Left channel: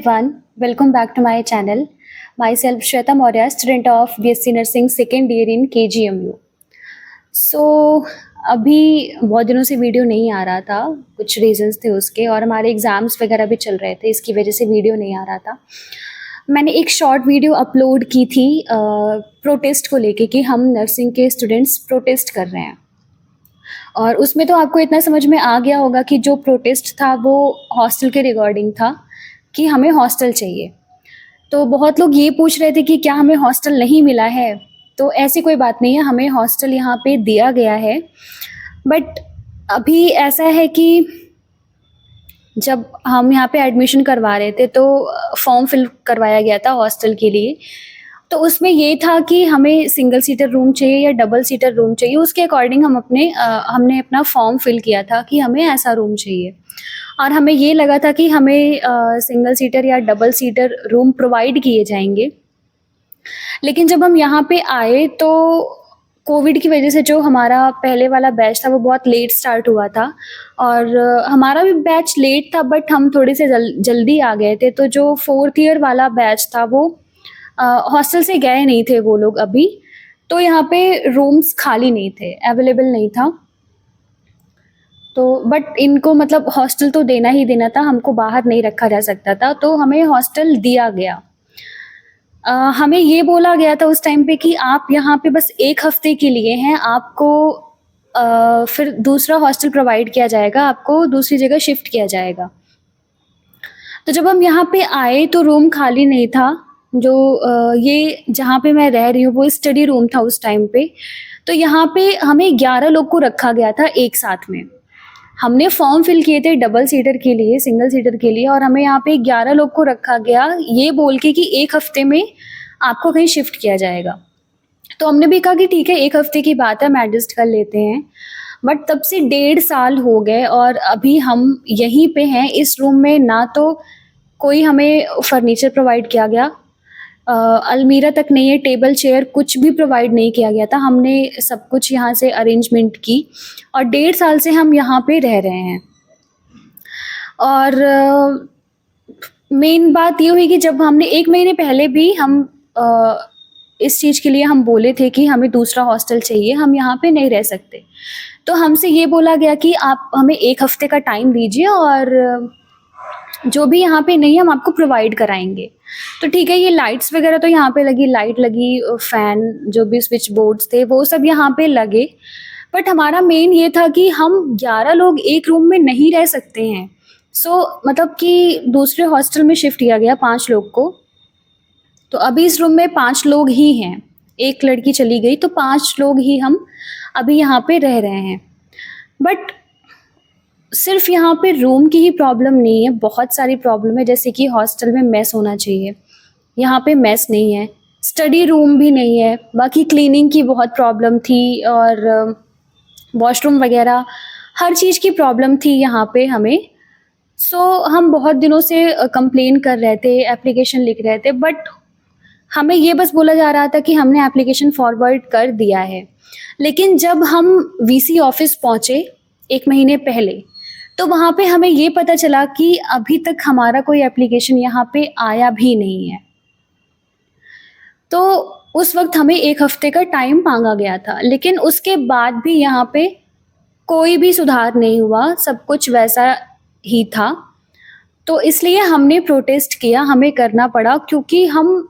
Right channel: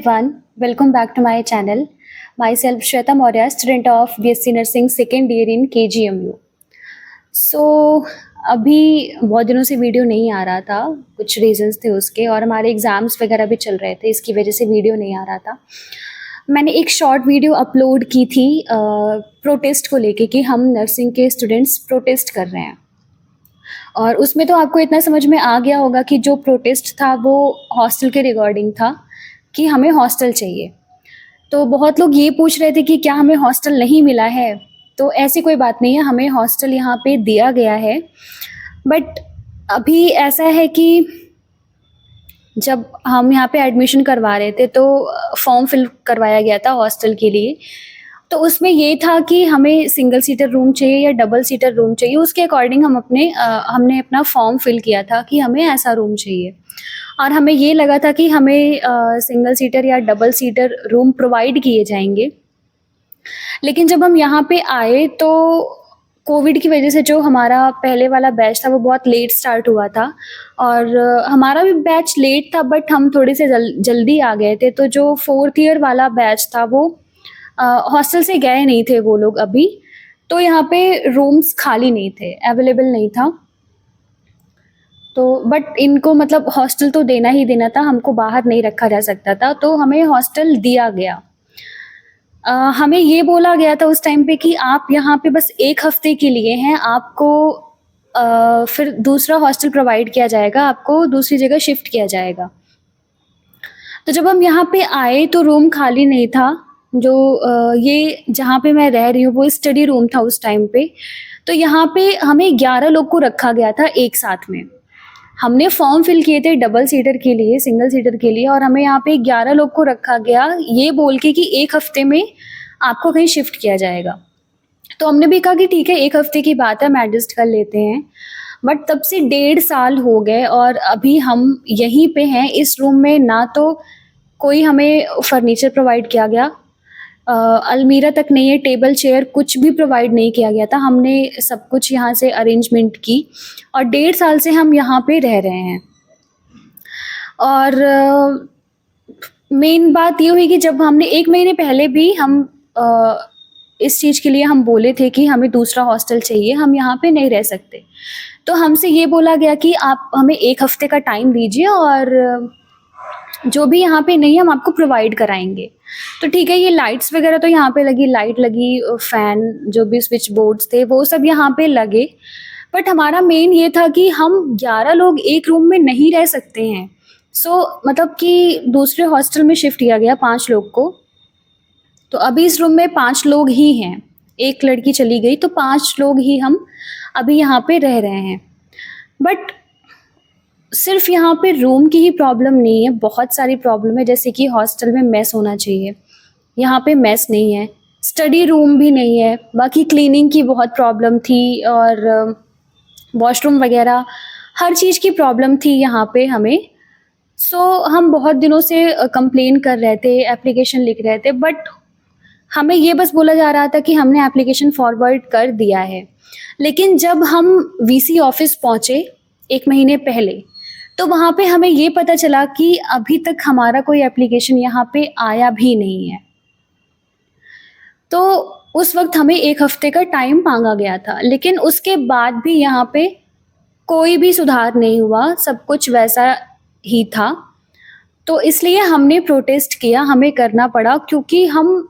Everyone, welcome back to my channel. Myself Shweta Maurya, student of BSc Nursing second year in KGMU. So अभी बहुत दिनों से video नहीं आ रहा था, कुछ रीजंस थे उसके और हमारे एग्ज़ाम्स वगैरह भी चल रहे थे, इसकी वजह से वीडियो नहीं आ रहा था। मैंने एक शॉर्ट वीडियो अपलोड की थी प्रोटेस्ट को लेके कि हम नर्सिंग के स्टूडेंट्स प्रोटेस्ट कर रहे हैं और उसमें तो आपको इतना समझ में आ गया होगा कि जो प्रोटेस्ट था वो हॉस्टल के रिगार्डिंग था कि हमें हॉस्टल चाहिए। तो बहुत लोग ये पूछ रहे थे कि क्या हमें हॉस्टल नहीं मिला है, तो ऐसी कोई बात नहीं है, हमें हॉस्टल यहाँ पे दिया गया है। बट अभी ऐसा है कि जब हम यहाँ पे एडमिशन करवा रहे थे तो फॉर्म फिल करवाया गया था हॉस्टल के लिए, तो उसमें ये था कि हमें सिंगल सीटर रूम चाहिए या डबल सीटर रूम चाहिए, उसके अकॉर्डिंग हमने अपना फॉर्म फिल किया था कि हमें ऐसा रूम चाहिए और हमें ये लगा था कि हमें सिंगल सीटर या डबल सीटर रूम प्रोवाइड किए जाएंगे। लेकिन जब हम यहाँ पे आए तो कोविड की वजह से जो हमारा पहले वाला बैच था वो बहुत लेट स्टार्ट हुआ था और हमारा भी बैच लेट था, बट हम थोड़े से जल्दी आ गए थे। तो जो फोर्थ ईयर वाला बैच था वो हॉस्टल से गए नहीं थे वो लोग अभी, तो यहाँ पे रूम्स खाली नहीं थे, अवेलेबल नहीं था। तो बट इनको मतलब हॉस्टल तो देना ही देना था, हमको बाहर नहीं रखा जा सकता था, तो हमें हॉस्टल दिया गया। हमें ये बोला गया था उस टाइम पे कि आप यहाँ पे बस 1 हफ्ते के लिए हैं, आपको फिर दूसरा हॉस्टल प्रोवाइड किया जाएगा, आपको दूसरी जगह शिफ्ट किया जाएगा। तो जब हम यहाँ पे आए तो रूम खाली नहीं था। जो ये जहाँ पे मैं रह रही हूँ वो स्टडी रूम था उस टाइम पे। तो यहाँ पे हमें 11 लोग को रखा गया था एक साथ में। हमने फॉर्म फिल किए थे डबल सीटर के लिए, सिंगल सीटर के लिए, और हमें यहाँ पे 11 लोग को रखा गया ये बोल के कि 1 हफ्ते में आपको कहीं शिफ्ट किया जाएगा। तो हमने भी कहा कि ठीक है, 1 हफ्ते की बात है, हम एडजस्ट कर लेते हैं। बट तब से 1.5 साल हो गए और अभी हम यहीं पे हैं इस रूम में। ना तो कोई हमें फर्नीचर प्रोवाइड किया गया, अलमीरा तक नहीं है, टेबल चेयर कुछ भी प्रोवाइड नहीं किया गया था। हमने सब कुछ यहाँ से अरेंजमेंट की और 1.5 साल से हम यहाँ पे रह रहे हैं। और मेन बात ये हुई कि जब हमने 1 महीने पहले भी हम इस चीज़ के लिए हम बोले थे कि हमें दूसरा हॉस्टल चाहिए, हम यहाँ पे नहीं रह सकते। तो हमसे ये बोला गया कि आप हमें 1 हफ्ते का टाइम दीजिए और जो भी यहाँ पे नहीं है हम आपको प्रोवाइड कराएंगे। तो ठीक है, ये लाइट्स वगैरह तो यहाँ पे लगी, लाइट लगी, फैन, जो भी स्विच बोर्ड्स थे वो सब यहाँ पे लगे। बट हमारा मेन ये था कि हम 11 लोग एक रूम में नहीं रह सकते हैं। मतलब कि दूसरे हॉस्टल में शिफ्ट किया गया 5 लोग को। तो अभी इस रूम में 5 लोग ही हैं, एक लड़की चली गई, तो 5 लोग ही हम अभी यहाँ पे रह रहे हैं। बट सिर्फ यहाँ पे रूम की ही प्रॉब्लम नहीं है, बहुत सारी प्रॉब्लम है। जैसे कि हॉस्टल में मेस होना चाहिए, यहाँ पे मेस नहीं है, स्टडी रूम भी नहीं है, बाकी क्लीनिंग की बहुत प्रॉब्लम थी और वॉशरूम वगैरह हर चीज़ की प्रॉब्लम थी यहाँ पे हमें। हम बहुत दिनों से कंप्लेन कर रहे थे, एप्लीकेशन लिख रहे थे, बट हमें ये बस बोला जा रहा था कि हमने एप्लीकेशन फॉरवर्ड कर दिया है। लेकिन जब हम वीसी ऑफिस पहुँचे 1 महीने पहले, तो वहाँ पे हमें ये पता चला कि अभी तक हमारा कोई एप्लीकेशन यहाँ पे आया भी नहीं है। तो उस वक्त हमें 1 हफ्ते का टाइम मांगा गया था, लेकिन उसके बाद भी यहाँ पे कोई भी सुधार नहीं हुआ, सब कुछ वैसा ही था। तो इसलिए हमने प्रोटेस्ट किया, हमें करना पड़ा, क्योंकि हम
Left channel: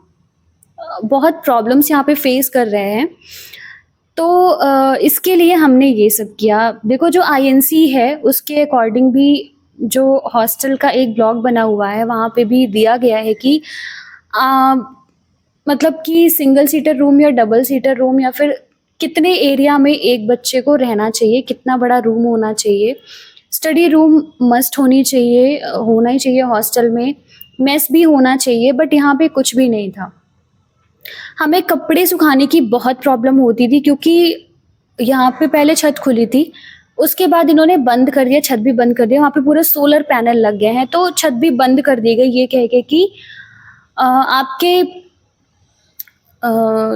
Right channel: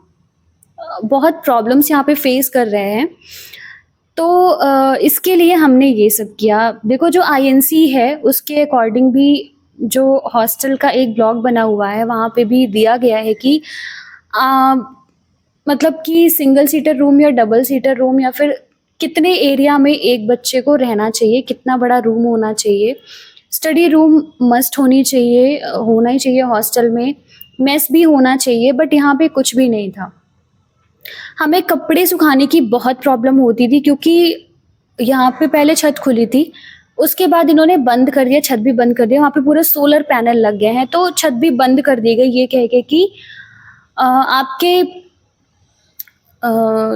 बहुत प्रॉब्लम्स यहाँ पे फेस कर रहे हैं। तो इसके लिए हमने ये सब किया। देखो, जो आईएनसी है उसके अकॉर्डिंग भी जो हॉस्टल का एक ब्लॉग बना हुआ है वहाँ पे भी दिया गया है कि मतलब कि सिंगल सीटर रूम या डबल सीटर रूम या फिर कितने एरिया में एक बच्चे को रहना चाहिए, कितना बड़ा रूम होना चाहिए, स्टडी रूम मस्ट होनी चाहिए, होना ही चाहिए हॉस्टल में, मेस भी होना चाहिए। बट यहाँ पे कुछ भी नहीं था। हमें कपड़े सुखाने की बहुत प्रॉब्लम होती थी, क्योंकि यहाँ पे पहले छत खुली थी, उसके बाद इन्होंने बंद कर दिया, छत भी बंद कर दिया। वहाँ पे पूरे सोलर पैनल लग गए हैं, तो छत भी बंद कर दी गई ये कह के कि आपके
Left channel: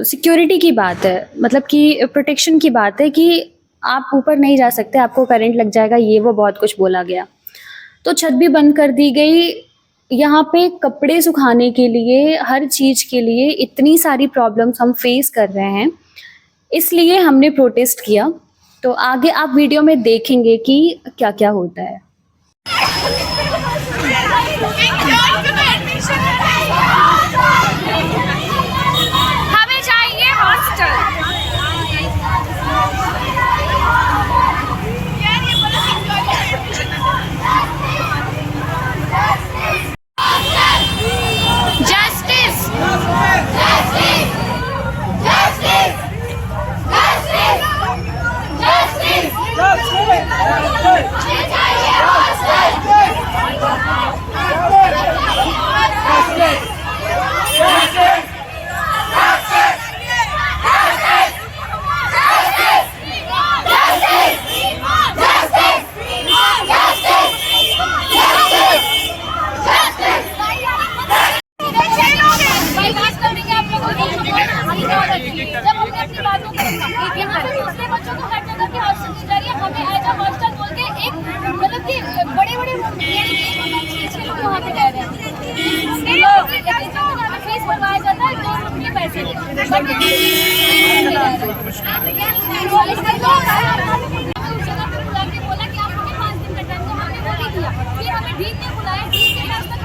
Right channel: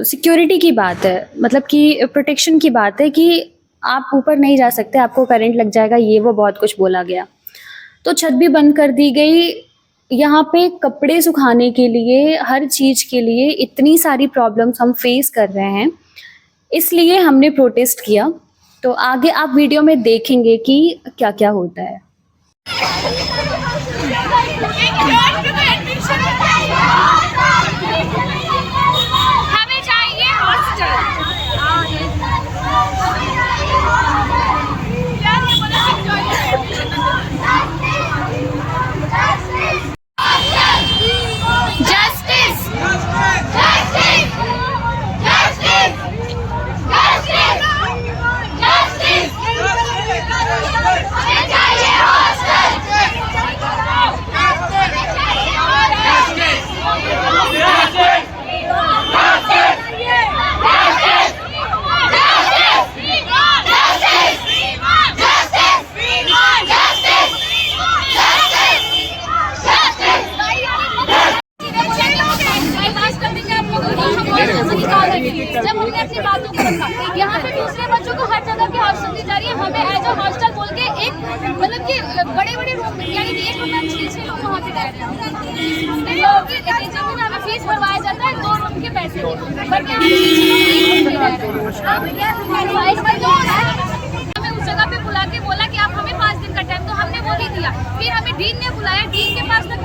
सिक्योरिटी की बात है, मतलब कि प्रोटेक्शन की बात है कि आप ऊपर नहीं जा सकते, आपको करंट लग जाएगा, ये वो बहुत कुछ बोला गया। तो छत भी बंद कर दी गई, यहाँ पे कपड़े सुखाने के लिए, हर चीज़ के लिए इतनी सारी प्रॉब्लम्स हम फेस कर रहे हैं, इसलिए हमने प्रोटेस्ट किया। तो आगे आप वीडियो में देखेंगे कि क्या-क्या होता है। हमें चाहिए हॉस्टल। जस्टिस, जब हमने अपनी बातों को रखा, यहाँ पे दूसरे बच्चों को हर जगह की हॉस्टल दी जा रही है, हमें एज अ हॉस्टल बोल के एक मतलब कि बड़े रूम यानी कि 1 रूम में 30 लोग वहाँ पे रह रहे हैं। हमें फीस भरवाया जाता है 2 रूम के पैसे, बट हमें उस जगह पे बुला के बोला कि आप हमें 5 दिन का टाइम, तो हमने वो भी दिया। फिर हमें डीन ने बुलाया, डीन के पास तक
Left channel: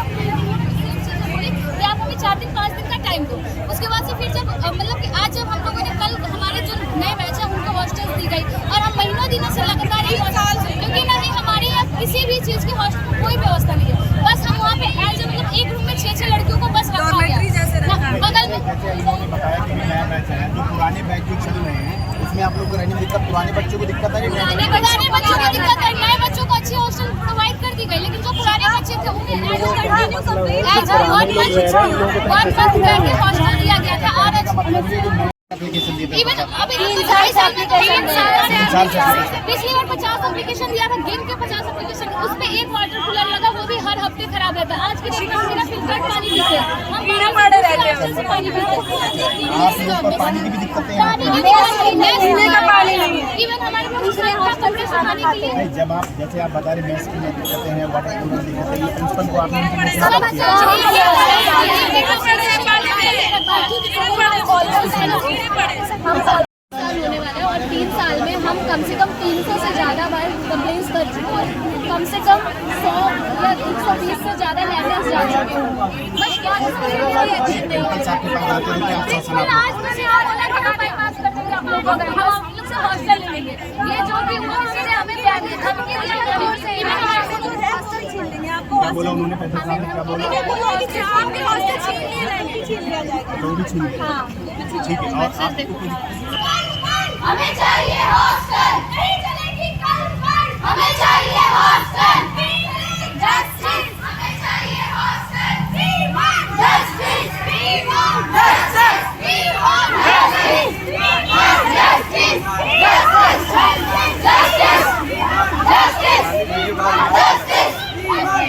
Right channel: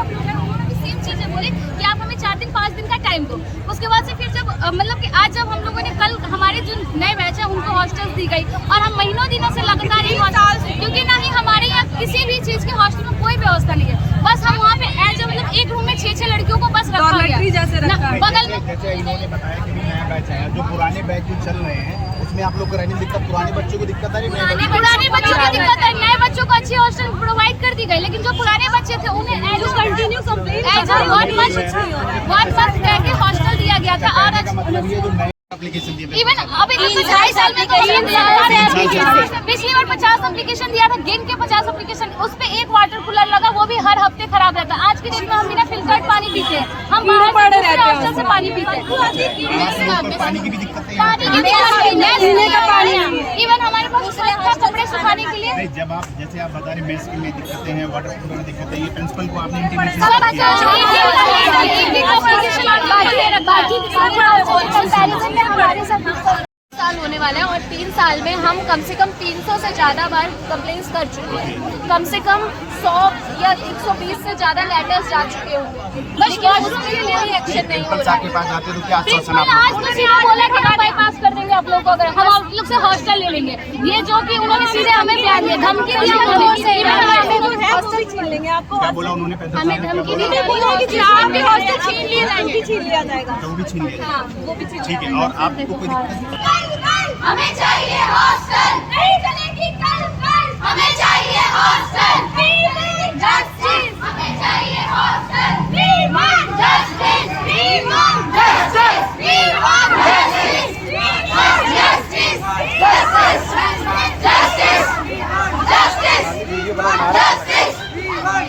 सेम चीजें बोली कि आप हमें 4 दिन 5 दिन का टाइम दो। उसके बाद से फिर जब मतलब कि आज जब हम लोगों ने कल हमारे जो नए बैच है उनको हॉस्टल दी गई, और हम महीनों दिनों से लगातार ही हॉस्टल, क्योंकि ना ही हमारे यहाँ किसी भी चीज की हॉस्टल में कोई व्यवस्था नहीं है। बस हम वहाँ पे एज मतलब 1 रूम में 6 लड़कियों को बस रखा गया बगल में। जैसे इन्होंने बताया कि नया बैच है, जो पुराने बैच जो चल रहे हैं उसमें आप लोग को रहने में दिक्कत, पुराने बच्चों को दिक्कत आ रही है? पुराने बच्चों को दिक्कत है, नए बच्चों को अच्छी हॉस्टल प्रोवाइड कर दी गई, लेकिन जो पुराने बच्चे थे उन्हें एज अ 1 मंथ रह के हॉस्टल दिया गया था। और इवन अभी 2.5 साल में पिछली बार 50 एप्लीकेशन दिया था, गिन के 50 एप्लीकेशन, उस पे 1 वाटर कूलर लगा, वो भी हर हफ्ते खराब रहता। आज की डेट में हम बिना फिल्टर्ड पानी पीते, हम हॉस्टल से पानी पीते, पानी की भी दिक्कत है। इवन हमारे पास कपड़े सुखाने के लिए नहीं, जब आप जैसे आप बता रहे मेस में दिक्कतें हैं, वाटर कूलर दिक्कत है, ये प्रिंसिपल को आपने इंटीमेशन किया? साल होने वाला है और 3 साल में हम कम से कम 300 से ज़्यादा बार कंप्लेंट्स कर चुके हैं। कम से कम 100 या 120 से ज़्यादा लेटर्स जा चुके होंगे, बस उस पर कोई एक्शन नहीं हो रहा है। आपके पास आते तो क्या आश्वासन आप आज तो सीधा बोला कि हम बाईपास कर देंगे आप लोग को, अगर हम आप लोग से हॉस्टल ले लेंगे। ये जो कि उन्होंने सीधे हमें बयान दिया, धमकी दिया उन्होंने, हॉस्टल छीन लेंगे आपको। क्या बोला उन्होंने? पैसा साहब ने क्या बोला? बोला कि आपके हॉस्टल छीन लिया जाएगा। तो वो भी छीन लिया। हाँ, वो भी छीन। ठीक है, और आपको कोई दिक्कत? हमें चाहिए हॉस्टल, नहीं चलेगी कल, हमें चाहिए हॉस्टल, जस्टिस, हमें चाहिए हॉस्टल, जस्टिस,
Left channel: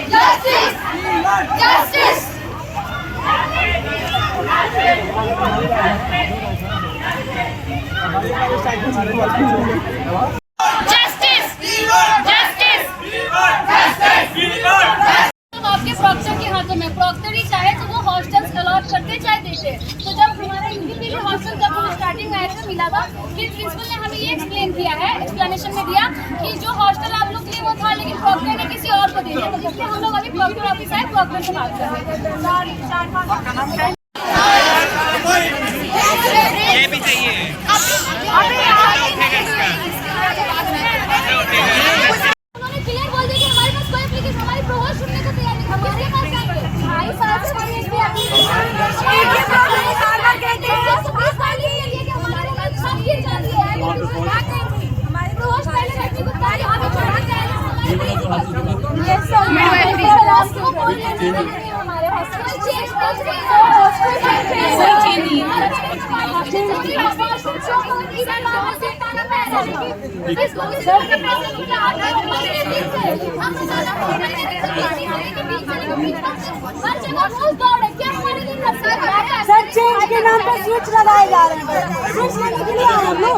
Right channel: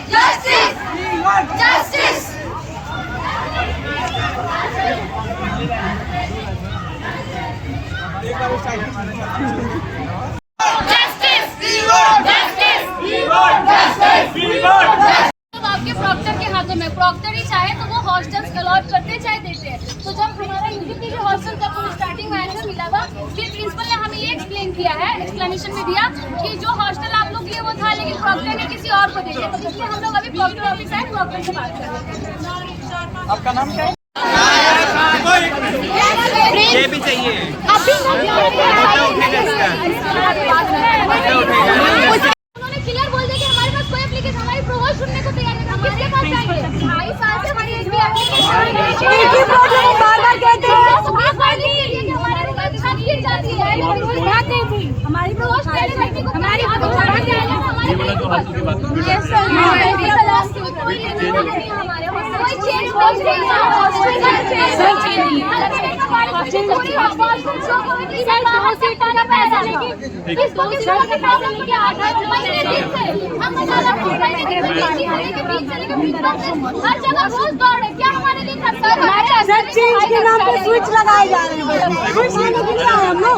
जस्टिस, जस्टिस। आपके प्रॉक्टर के हाथों में, प्रॉक्टर ही चाहे तो वो हॉस्टल्स अलॉट करते चाहे देते। तो जब हमारा यूडीपी हॉस्टल जब स्टार्टिंग में ऐसे मिला था, फिर प्रिंसिपल ने हमें ये एक्सप्लेन किया है, एक्सप्लेनेशन में दिया कि जो हॉस्टल आप लोग के लिए वो था, लेकिन प्रॉक्टर ने किसी और को दे दिया। तो इसलिए हम लोग अभी प्रॉक्टर ऑफिस आए, प्रॉक्टर से बात कर रहे हैं। आपका नाम क्या है? ये भी चाहिए। उन्होंने क्लियर बोल दिया कि हमारे पास कोई एप्लीकेशन, हमारी प्रोपोजल सुनने को तैयार नहीं, हमारे पास आएंगे 2.5 साल से हमारी एचपी एप्लीकेशन हमारे रूम में छत गिर जाती है, हमारी प्रोपोजल पहले लड़की को हमारे आगे चढ़ा के आए हमारे सर चेंज के नाम पे स्विच लगाए जा रहे हैं, स्विच लेने के लिए आए हम लोग।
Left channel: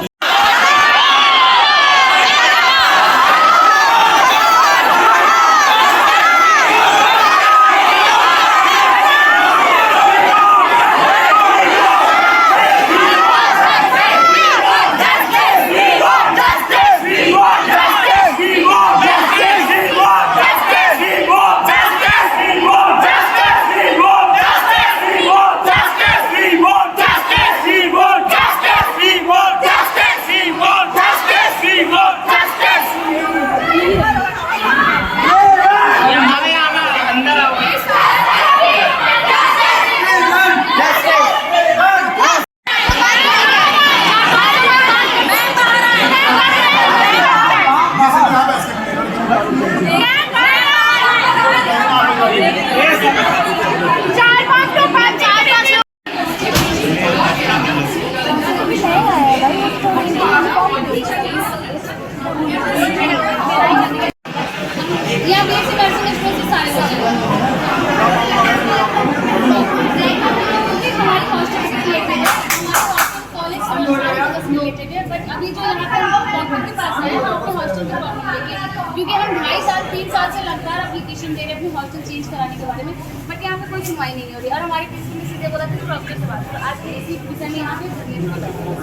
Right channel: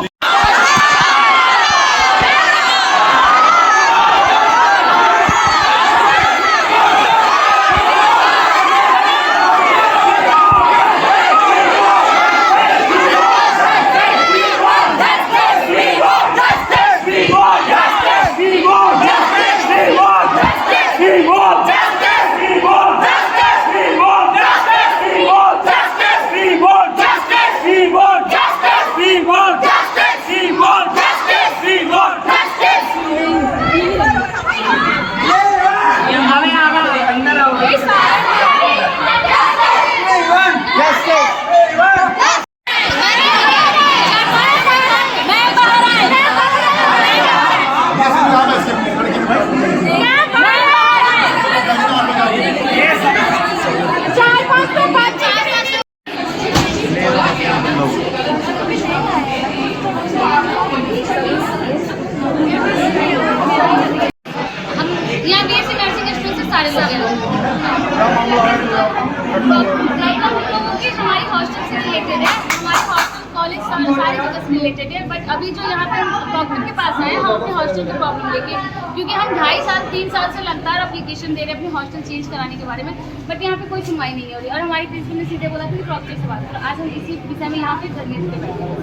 रिलेटेड है, बट अभी जो यहाँ पे हम प्रॉब्लम के पास आए हैं, हम अपने हॉस्टल की प्रॉब्लम लेके, क्योंकि हम 2.5 साल 3 साल से लगातार एप्लीकेशन दे रहे हैं अपने हॉस्टल चेंज कराने के बारे में, बट यहाँ पे कोई सुनवाई नहीं हो रही। और हमारी प्रिंसिपल ने सीधे बोला था कि प्रॉब्लम से बात करो। आज हम इसी विषय में यहाँ पे धरने पे बैठे हैं।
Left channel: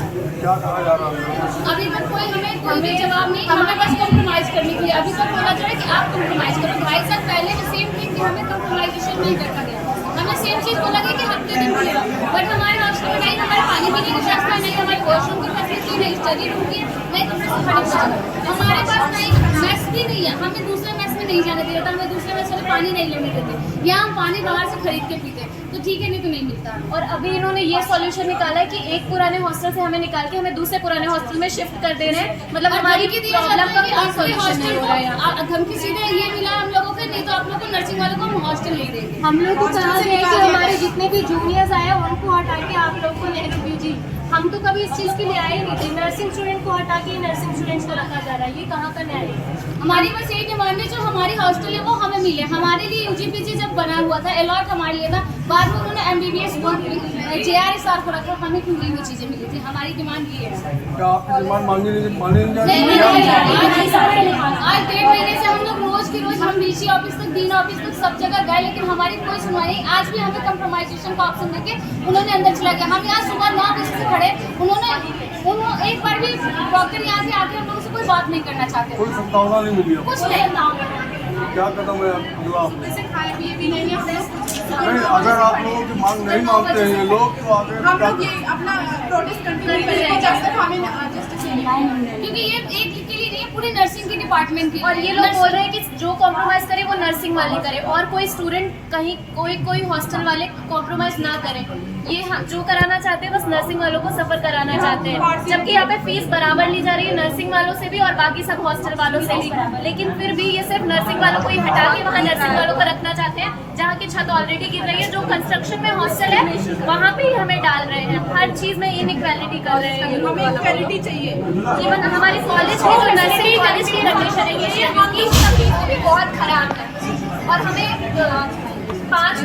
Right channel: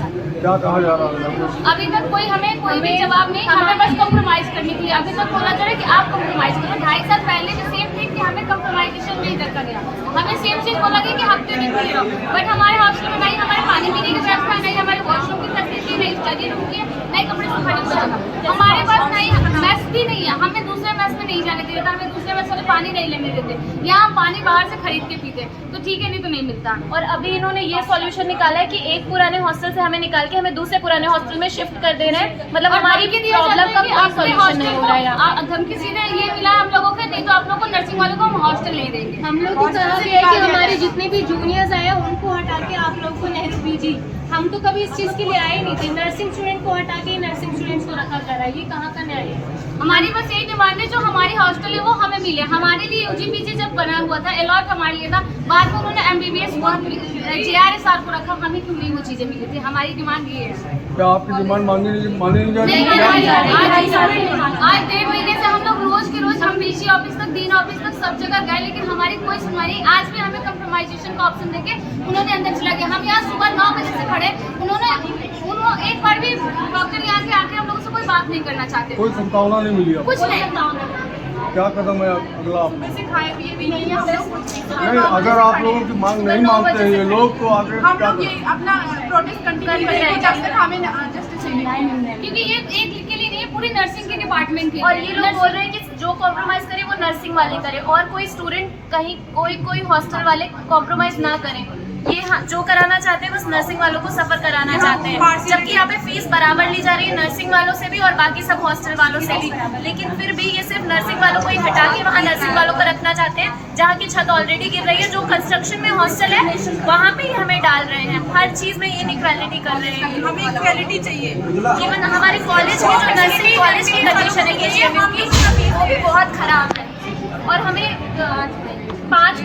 क्या कहा जा रहा है? अभी तक हमें कोई भी जवाब नहीं, हमें बस कॉम्प्रोमाइज़ करने के लिए अभी तक बोला जा रहा है कि आप कॉम्प्रोमाइज़ करो। 2.5 साल पहले भी सेम थी कि हमें कॉम्प्रोमाइजेशन नहीं रखा गया, हमें सेम चीज़ बोला गया कि हफ्ते दिन खुले रहो, बट हमारे हॉस्टल में नहीं हमारे पानी पीने की व्यवस्था, नहीं हमारे वॉशरूम की फैसिलिटी, नहीं स्टडी रूम की, नहीं कपड़े सुखाने की जगह, हमारे पास नहीं मैस भी नहीं है, हमें दूसरे मैस में नहीं जाने दिया था, हमें दूसरे मैस वाले पानी नहीं लेने देते, यहाँ हम पानी बाहर से खरीद के पीते, तो ठीक है, नहीं तो नहीं मिलता। और अभी इन्होंने ये सॉल्यूशन निकाला है कि एक पुराने हॉस्टल से हमें निकाल के हमें दूसरे पुराने हॉस्टल में शिफ्ट कर दे रहे हैं, मतलब हमारी प्रॉब्लम का कोई सॉल्यूशन नहीं हो रहा है यहाँ। धमकी सीधे ये मिला हम लोगों को, नहीं तो आप लोगों को नर्सिंग वालों को हम हॉस्टल नहीं देंगे। हम लोग की तरफ से है कि हमारे जितने भी जूनियर्स आए उनको हटा के आप लोग को नेक्स्ट दीजिए। हम तो कभी इस चीज़ के लिए आए नहीं थे, नर्सिंग स्टूडेंट को हटा के नर्सिंग स्टूडेंट्स को रखा जा रहा है, ये कहाँ का न्याय है? हमारी बस यही डिमांड है, जो हमारी हॉस्टल है वो हमें मिले। हमारे लिए यूजीपीजी जब बना हुआ था, अलॉट हमारे लिए था, बाद में उन्होंने एमबीबीएस JRSR को रखा, हमें क्यों नहीं वो चीज़ें मिली थी? हमारी डिमांड ये है। क्या आपकी डिमांड मानी नहीं जा रही? आज 1.5 महीने से हम लोग रोज की रोज हम BC ऑफिस तक, डीन ऑफिस तक सब जगह गए, लेकिन हमारी कोई सुनवाई नहीं। आज भी हमें कंप्रोमाइजेशन का ऑप्शन देके उन्होंने अंदर चला गया। हम यहाँ सुबह 9 बजे से खड़े, उन्होंने एक बार भी डॉक्टर यहाँ से आके हम लोगों से कोई बात नहीं करना चाहते, कोई संभावना नहीं मिली? कुछ नहीं। क्या कदम है अगला? खाए पिए भी नहीं है नहीं, अगर आप लोगों की मांग नहीं मानते हैं ये लोग, तो आगे हम लोग ये अपना प्रोटेस्ट कंटिन्यू करेंगे जब तक हमें जस्टिस नहीं मिलेगा। क्योंकि ये एक के लिए नहीं है, पूरी नर्सिंग के डिपार्टमेंट के लिए। और ये लोग बोल रहे हैं कि जो कॉम्प्रोमाइज करे वो नर्सिंग वाले करे, और कोई स्टूडेंट कहीं कोई हॉस्टल वाले कॉम्प्रोमाइज ना करें। ये जो कराना चाहते हैं बस नर्सिंग वालों को सफर कराना चाहते हैं, जबकि यहाँ पे फीस बराबर ली जा रही है नर्सिंग वालों से भी और बाकी सब हॉस्टल वालों से भी, लेकिन फिर भी ये सिर्फ नर्सिंग वालों को ही हटा के वहाँ नर्सिंग वालों को रखना चाहते हैं, जहाँ की छत ऑलरेडी गिर रही है। जो कंस्ट्रक्शन में हॉस्टल है वहाँ पे ही हमें डाल रहे हैं, हर चीज़ में इनइक्वालिटी कर रहे हैं। हमें इक्वालिटी चाहिए। इवन हमारे कॉलेज में जो नर्सिंग कॉलेज की कंडीशन है कि वो भी बहुत खराब है, और हमें 5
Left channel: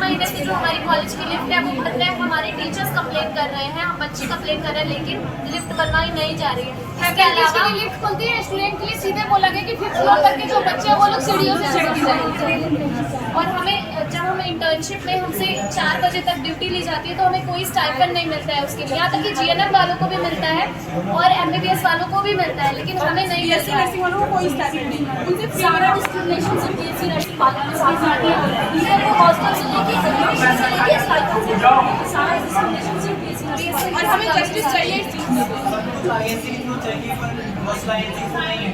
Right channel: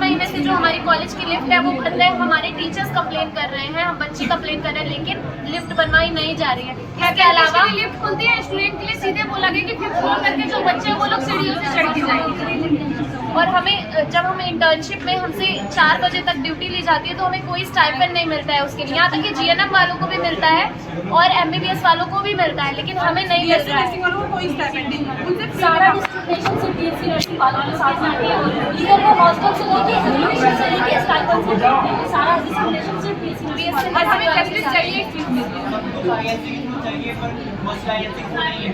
महीने से जो हमारी कॉलेज की लिफ्ट है वो बंद है। हमारे टीचर्स कंप्लेन कर रहे हैं, हम बच्चे कंप्लेन कर रहे हैं, लेकिन लिफ्ट बनवाई नहीं जा रही है। इसके अलावा लिफ्ट खुलती है स्टूडेंट के लिए, सीधे बोला गया कि 5th फ्लोर तक के जो बच्चे हैं वो लोग सीढ़ियों से चढ़ के जाएंगे। और हमें जब हम इंटर्नशिप में हमसे 4 बजे तक ड्यूटी ली जाती है तो हमें कोई स्टाइपेंड नहीं मिलता है उसके लिए। यहाँ तक कि GNM वालों को भी मिलता है और MBBS वालों को भी मिलता है, लेकिन हमें नहीं मिलता है। नर्सिंग वालों को कोई स्टाइपेंड नहीं है, उनसे सारा डिस्क्रिमिनेशन सिर्फ BSc नर्सिंग वालों के साथ आती है। इधर वो हॉस्टल से लेके स्टाइपेंड से सारा डिस्क्रिमिनेशन सिर्फ BSc नर्सिंग। और हमें जस्टिस चाहिए इस चीज़ में।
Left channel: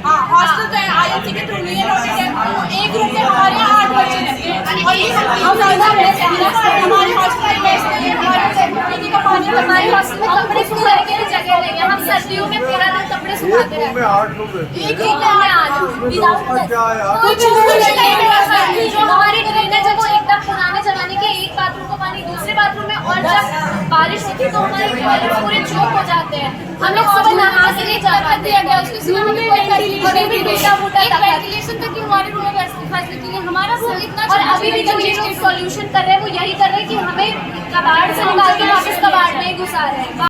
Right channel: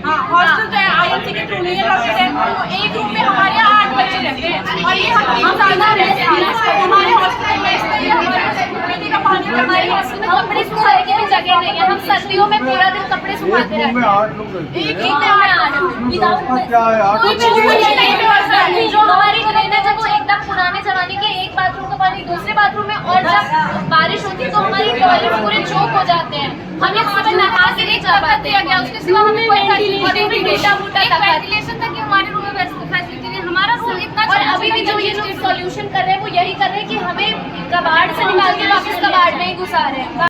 हाँ, हॉस्टल तो INC के थ्रू नहीं है, लॉटेड है। एक रूम में हमारे यहाँ 8 बच्चे रहते हैं और ये हम ज़्यादा रहते हैं। हमारे हॉस्टल में पीने का पानी, हमारे हॉस्टल में कपड़े सुखाने के लिए जगह नहीं है। हम सर्दियों में पूरा दिन कपड़े सुखाते रहते हैं। 8 लोग रहते हैं। एक रूम में हमें 8 क्या है? कुछ नहीं। जो हमारी ड्रेनेज है वो एकदम पुराने जमाने के, एक बाथरूम का पानी दूसरे बाथरूम में, और जब बारिश होती है तो हमारे टॉयलेट पूरे चौक हो जाते हैं। हम लोग सुबह नहा के नहीं जा पाते हैं, उसके सिवा हमें कोई फैसिलिटी नहीं दी। मोटा एक वेंटिलेशन तक की हमारे रूम में फैसिलिटी नहीं, हमारा रूम इतना और अभी भी जो ये लोग सॉल्यूशन कर रहे हैं वो यही कर रहे हैं कि हमें कबाड़ से निकाल के वापस कबाड़ में ही घुसा रहे हैं।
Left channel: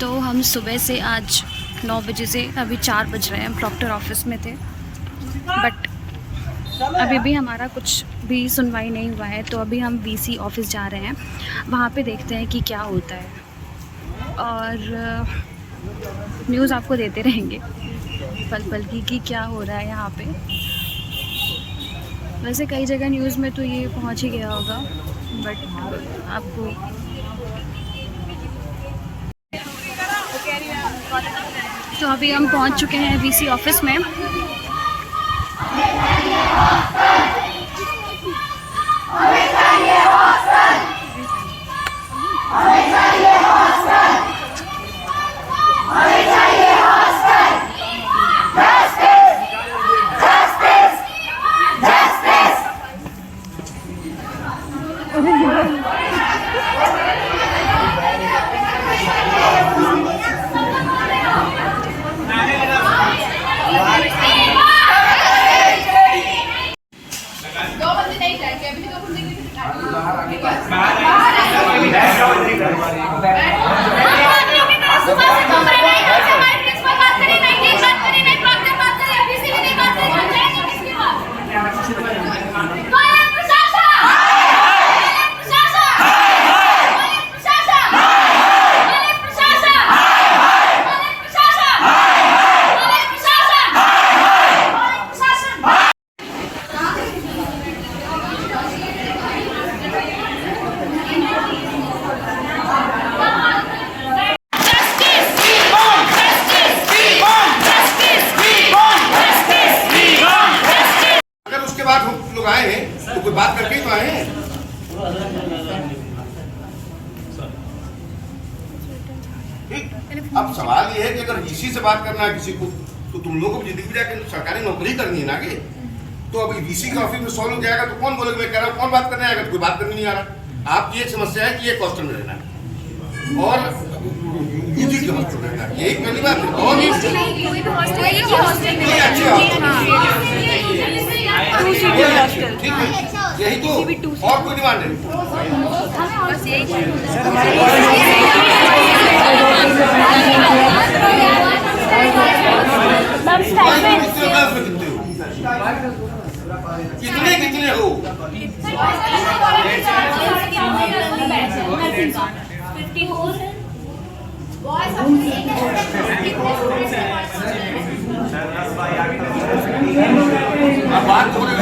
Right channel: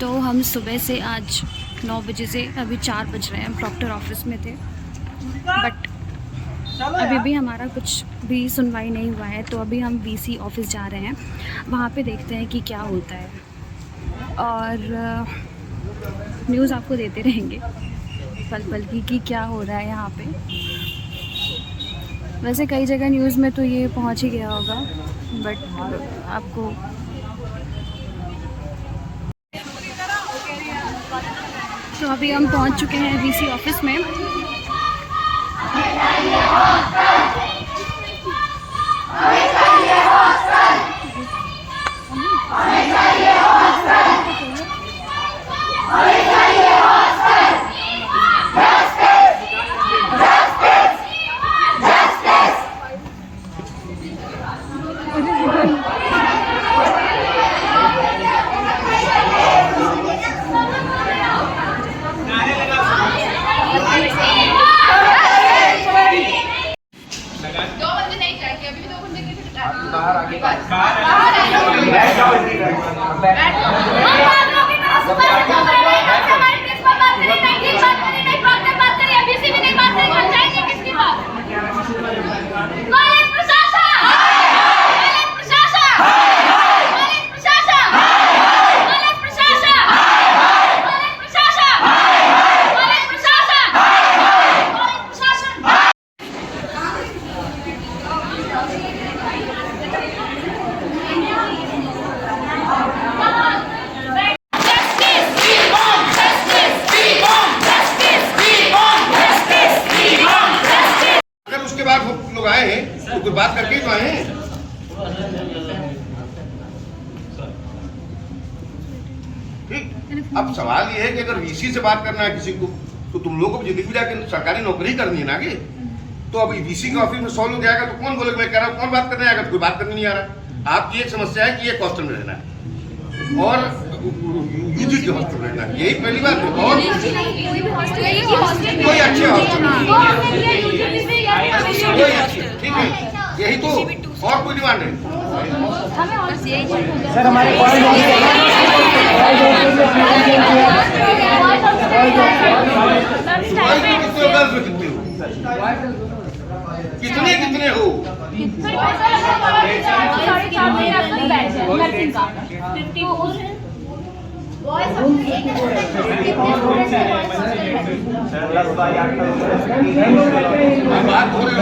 तो हम सुबह से आज 9 बजे से अभी 4 बज रहे हैं, हम प्रॉक्टर ऑफिस में थे, बट अभी भी हमारा कुछ भी सुनवाई नहीं हुआ है। तो अभी हम VC ऑफिस जा रहे हैं, वहाँ पे देखते हैं कि क्या होता है, और न्यूज़ आपको देते रहेंगे पल पल की कि क्या हो रहा है यहाँ पे। वैसे कई जगह न्यूज़ में तो ये पहुँच ही गया होगा, बट आपको तो अभी हम पहुँच चुके हैं VC ऑफिस में। ठीक। अब सवाल ये है कि अगर वीसी से बात करना है किसी को, तो तुम लोगों को जिंदगी में जाकर सरकारी नौकरी करनी है ना आगे। तो अभी वीसी का ऑफिस में 100 लोग जाएगा तो कौन बोलेगा मैं कह रहा हूँ, कौन बात करने आएगा? तो कोई बात करने नहीं आ रहा। आपकी एक समस्या है कि एक हॉस्टल में रहना है और यूजी के हॉस्टल रहना है, यही पहली बात है। और कोई अच्छे हॉस्टल, कोई अच्छे, ठीक है, यही तो, और कोई डिमांड है। कितने कितने हो? बात हो रही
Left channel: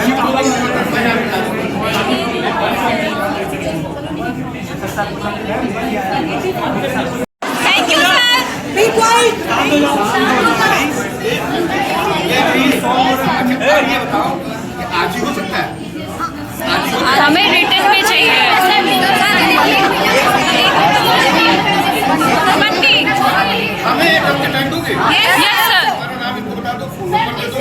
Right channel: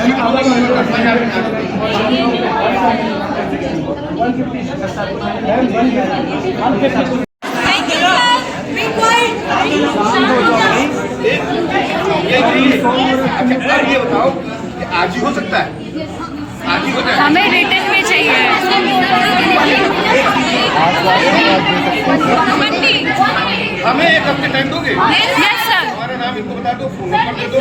अच्छा, अब ये बताओ कि आज ही हो सकता है? आज ही हो जाए? हमें रिटर्न में चाहिए। हमें एक हफ्ते टाइम दोगे? Yes sir. हमारा नाम इनको बता दो, फोन नंबर दे दो।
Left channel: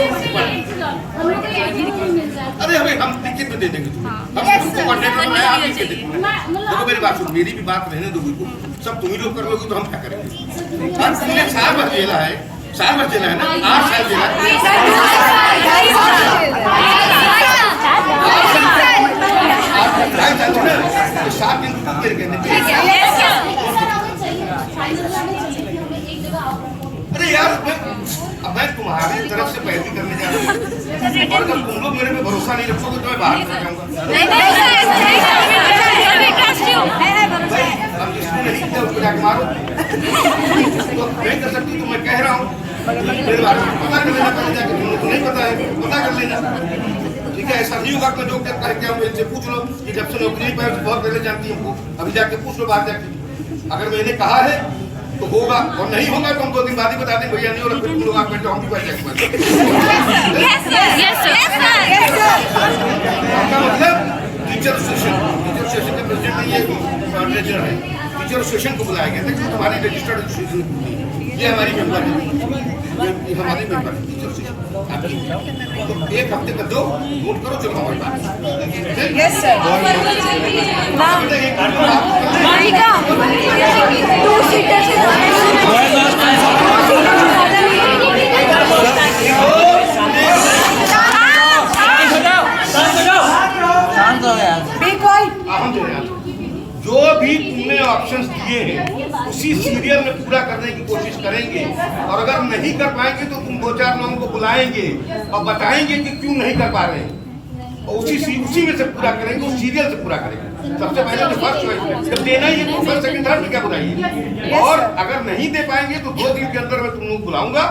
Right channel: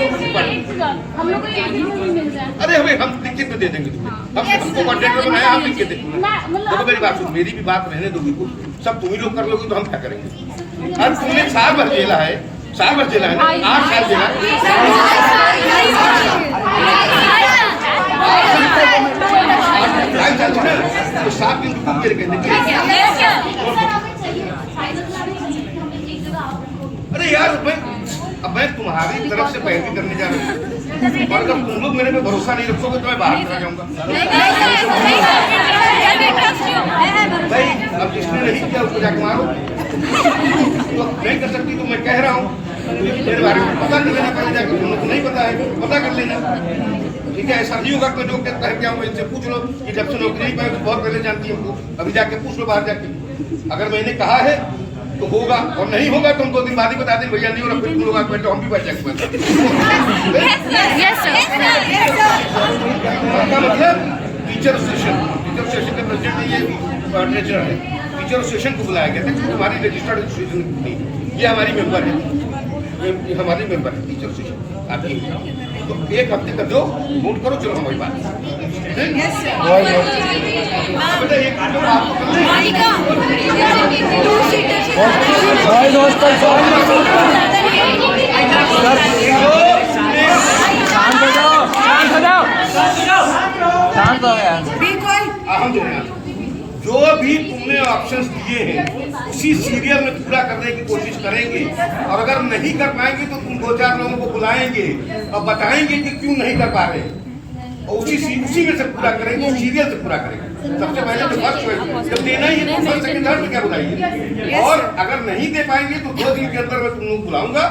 हम लोग को एक दिन में मिल जाए। अरे हमें हम लिखित में दे देंगे तुम्हें। हम तुमको कॉन्ट्रैक्टर बनाया, आप लिख के देंगे। देखो मेरी बात सुन, मेरी भी बात रहने दो बिल्कुल। सब तुम ही लोग कर लोगे तो हम क्या करेंगे? और तुमने साल भर जेला है, साल भर जेला है ना, 8 साल जेला तो 7 दिन रुको मेरे कहने। अरे यार मैं तुम्हारी तरफ से पैरवी करने जा रहा हूँ, और अगर तुम लोग मेरे पे भरोसा नहीं रखोगे तो मैं बाहर चला जाऊंगा। भाई अब जिसने नहीं किया उसको जाके मारो, तो नहीं कर सकती तो मैं कह रहा हूँ मेरे बारे में पता कर लेना पहले जाकर, तुम लोग को नहीं पता है पता कर लेना, ठीक है? ऐसा नहीं होगा कि जो कह के आऊँ इनसे पूछ लो कि जब से नौकरी नहीं पाए तो बहुत पहले जानती हमको, अभी जाके पूछ लो बाहर जाके। अगर मैंने कहा है तो होगा, और नहीं होगा तो हम 2 दिन बाद ही बता दें भैया नहीं हो रहा, फिर तुम लोग आके बैठो, हम भी बैठ जाएंगे। मतलब टीचर एसोसिएशन के प्रेसिडेंट ये ट्रेजर है, टीचर एसोसिएशन को बुलाया गया था कि तुम्हारी रजिस्टर्ड एसोसिएशन नहीं, ये हमारी मेंबर है, ये हमारी मेंबर है टीचर एसोसिएशन आपकी। तो 1 हफ्ते का दो, नोट करो, चलो हमारी बात। जो भी तुमने ऑप्शंस दिए हैं उसी सीरियल में पूरा करने की कोशिश करेंगे, और अगर नहीं कर पाएंगे तो तुम 2-4 लोगों को बुलाएंगे और बताएंगे कि क्यों नहीं कर पा रहे हैं, और उसी में से पूरा करेंगे, उस सीरियल से पूरा करेंगे। सबसे पहले तो फर्स्ट चॉइस जब देना ही है तो फर्स्ट सेकंड थर्ड में क्या बुलाइए, और अगर नहीं दे पाएंगे तो 2 दिन के अंदर मैं तुम लोग बुलाऊंगा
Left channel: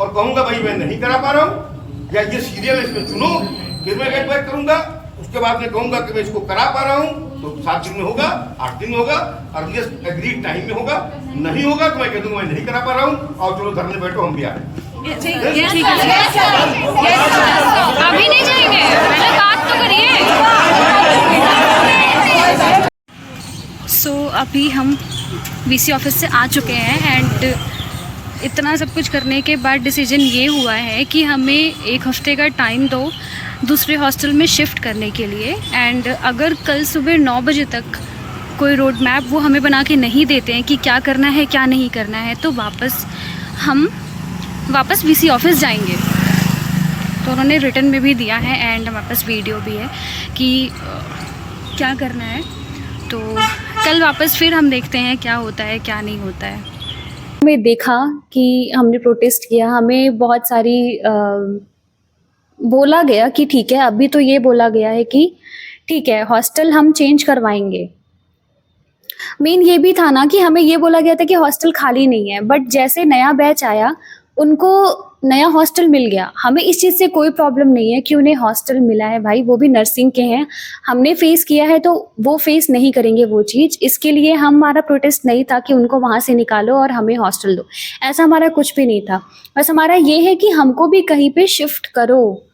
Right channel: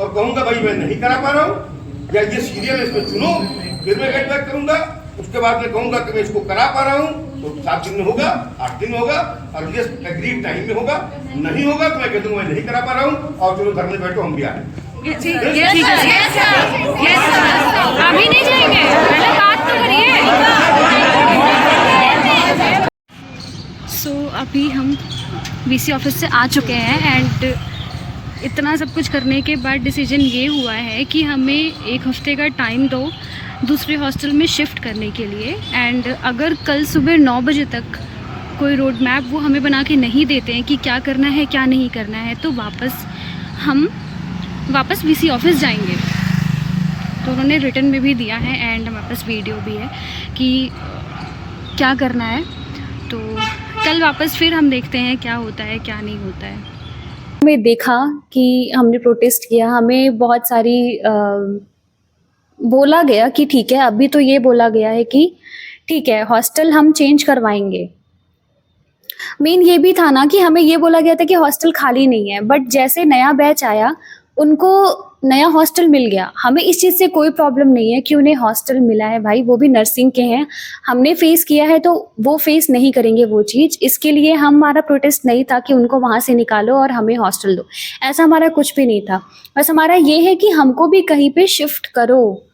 और कहूंगा भाई मैं नहीं करा पा रहा हूँ, या ये सीरियल इसमें चुनो, फिर मैं गेट बैक करूंगा। उसके बाद मैं कहूंगा कि मैं इसको करा पा रहा हूँ तो 7 दिन में होगा, 8 दिन में होगा, और ये एग्रीड टाइम में होगा। नहीं होगा तो मैं कह दूंगा मैं नहीं करा पा रहा हूँ, और चलो घर में बैठो हम भी आ रहे हैं। अभी नहीं जाएंगे, पहले बात तो करिए। सो अभी हम वीसी ऑफिस से आ चुके हैं एंड इतना सब कुछ करने के बाद डिसीजन ये हुआ है कि हमें 1 हफ्ते का टाइम दो दूसरे हॉस्टल में शिफ्ट करने के लिए। एंड अगर कल सुबह 9 बजे तक कोई रोड मैप वो हमें बना के नहीं देते हैं कि क्या करना है क्या नहीं करना है, तो हम वापस वीसी ऑफिस जाएंगे। तो उन्होंने रिटर्न में भी दिया है एंड हमारे पास वीडियो भी है कि क्या करना है। तो कल वापस फिर हम देखते हैं क्या होता है क्या नहीं होता है। हमें देखा कि हमने प्रोटेस्ट किया, हमें बहुत सारी बोला गया कि ठीक है, अभी तो ये बोला गया है कि ठीक है हॉस्टल हम चेंज करवाएंगे। मेन ये भी था ना कि हमें ये बोला गया था कि हॉस्टल खाली नहीं है, बट जैसे नया बैच आया उनको नया हॉस्टल मिल गया। हमें इस चीज़ से कोई प्रॉब्लम नहीं है कि उन्हें हॉस्टल मिला है, भाई वो भी नर्सिंग के हैं, हमने फेस किया है तो वो फेस नहीं करेंगे वो चीज़। इसके लिए हमारा प्रोटेस्ट नहीं था कि उनको वहाँ से निकालो और हमें हॉस्टल दो, ऐसा हमारा कुछ भी नहीं था। बस हमारा ये है कि हमको भी कहीं पे शिफ्ट करो।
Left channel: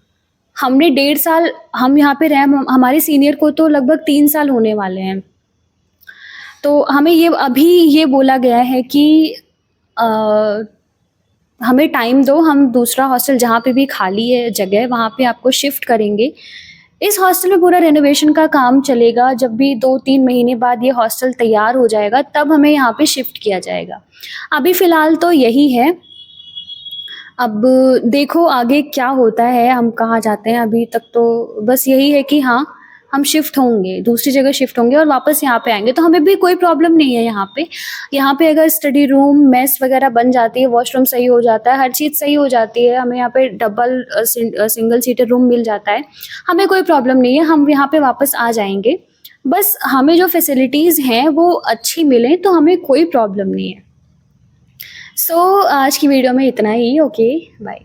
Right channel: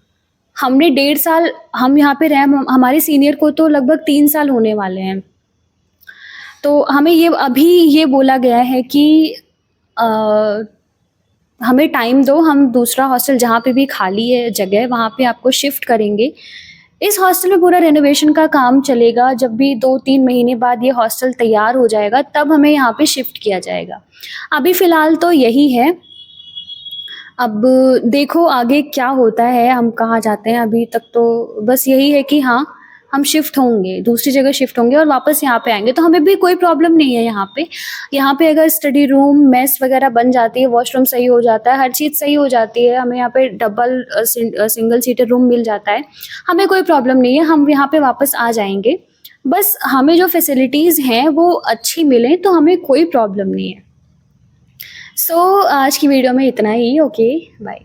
हमने 1.5 साल हम यहाँ पे रहे, हमारे सीनियर को तो लगभग 3 साल होने वाले हैं। तो हमें ये अभी ये बोला गया है कि हमें टाइम दो, हम दूसरा हॉस्टल जहाँ पे भी खाली है जगह वहाँ पे आपको शिफ्ट करेंगे। इस हॉस्टल में पूरा रेनोवेशन का काम चलेगा। जब भी 2-3 महीने बाद ये हॉस्टल तैयार हो जाएगा तब हमें यहाँ पे शिफ्ट किया जाएगा। अभी फ़िलहाल तो यही है, अब देखो आगे क्या होता है, हम कहाँ जाते हैं। अभी तक तो बस यही है कि हाँ, हम शिफ्ट होंगे, दूसरी जगह शिफ्ट होंगे और वापस यहाँ पे आएंगे, तो हमें भी कोई प्रॉब्लम नहीं है यहाँ पे। यहाँ पे अगर स्टडी रूम, मेस वगैरह बन जाती है, वॉशरूम सही हो जाता है, हर चीज़ सही हो जाती है, हमें यहाँ पे डबल सिंगल सीटर रूम मिल जाता है, हमें कोई प्रॉब्लम नहीं है, हम यहाँ पे वापस आ जाएंगे। बस हमें जो फैसिलिटीज़ हैं वो अच्छी मिलें तो हमें कोई प्रॉब्लम नहीं है। सो आज की वीडियो में इतना ही। Okay, bye.